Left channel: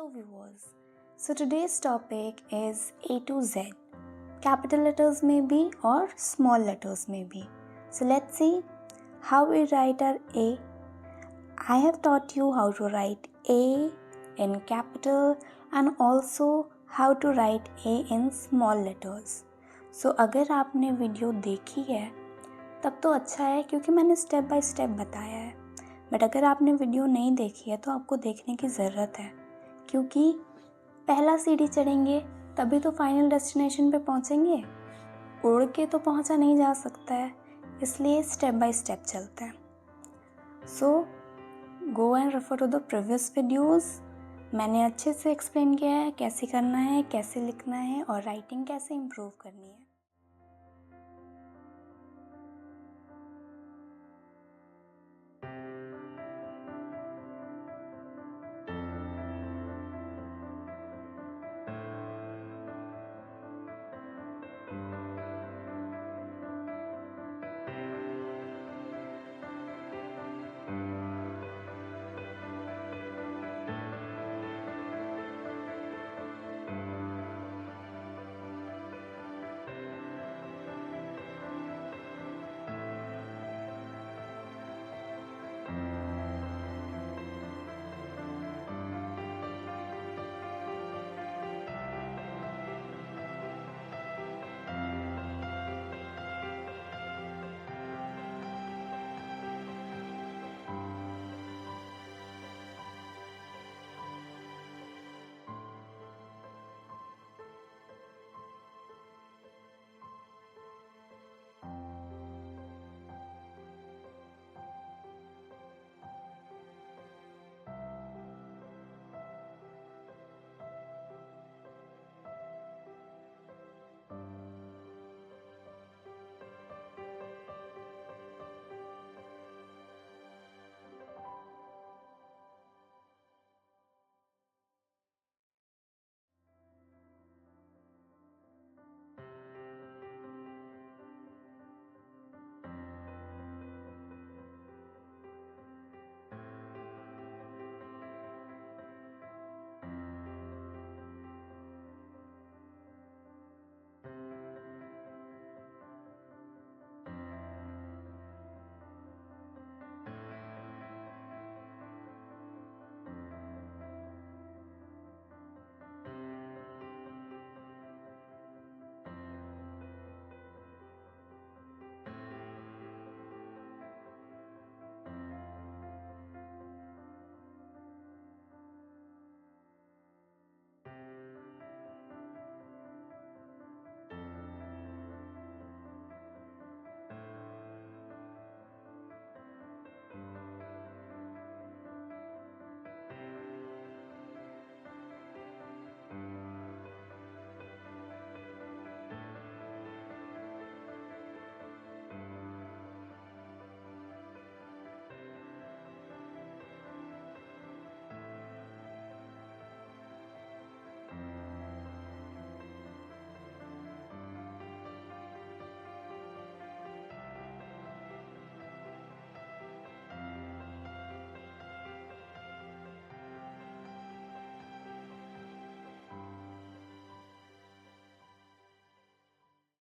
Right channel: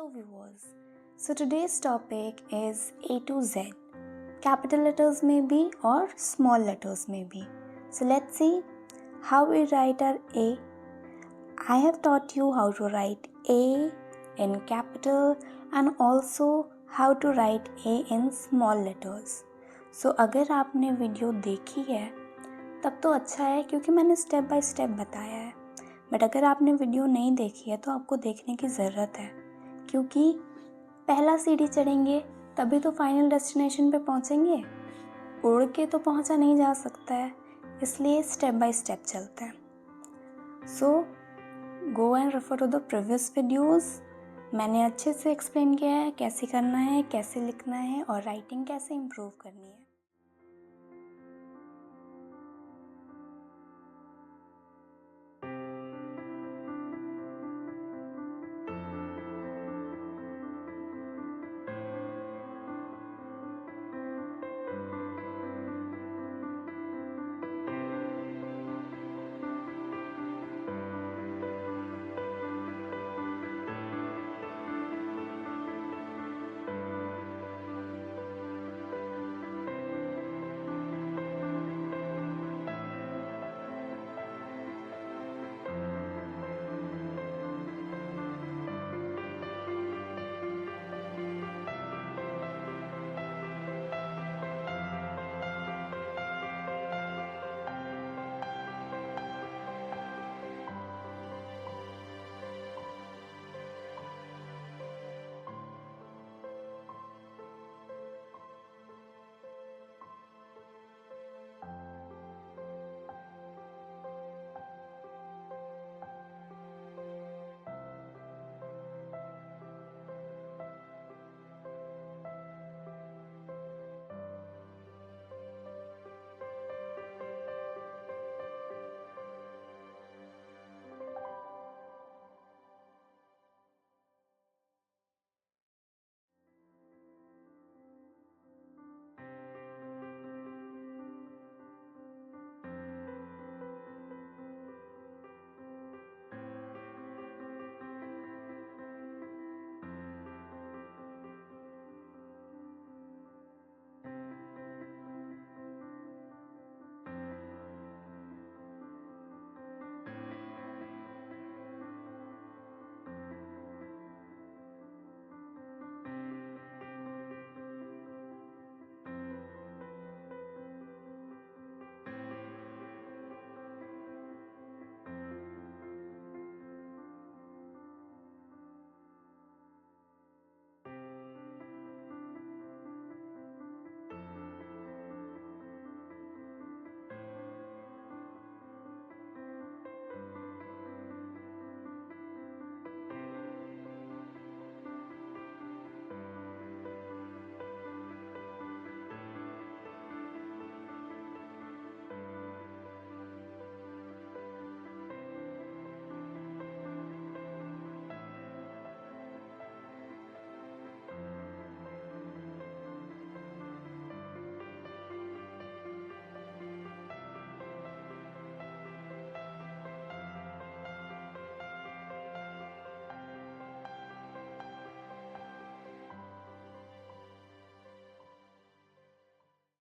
Hello viewers. So today's topic is A to Z. Capital letters may be or small letters may be. So let's see how we write our A. I have taught you how to write A in capital and also how to write A in small letters. So अगर आपने वीडियो देखी है तब तो अच्छा है क्योंकि मैंने स्टेप बाय स्टेप बताया है, बट अगर आपने वीडियो नहीं देखी है तो आपको देखने की ज़रूरत है क्योंकि पहला सीढ़ी चढ़ेंगे तभी तो फाइनल डेस्टिनेशन पे पहुंचेंगे। उड़ के तो पहुंचा नहीं जा सकता है, इसलिए स्टेप बाय स्टेप चलते हैं। So go and refer to the previous videos. मैंने अच्छे से एक्सप्लेन किया है कैसे करना है, कैसे लिखना है और राइटिंग कैसे इम्प्रूव करनी है।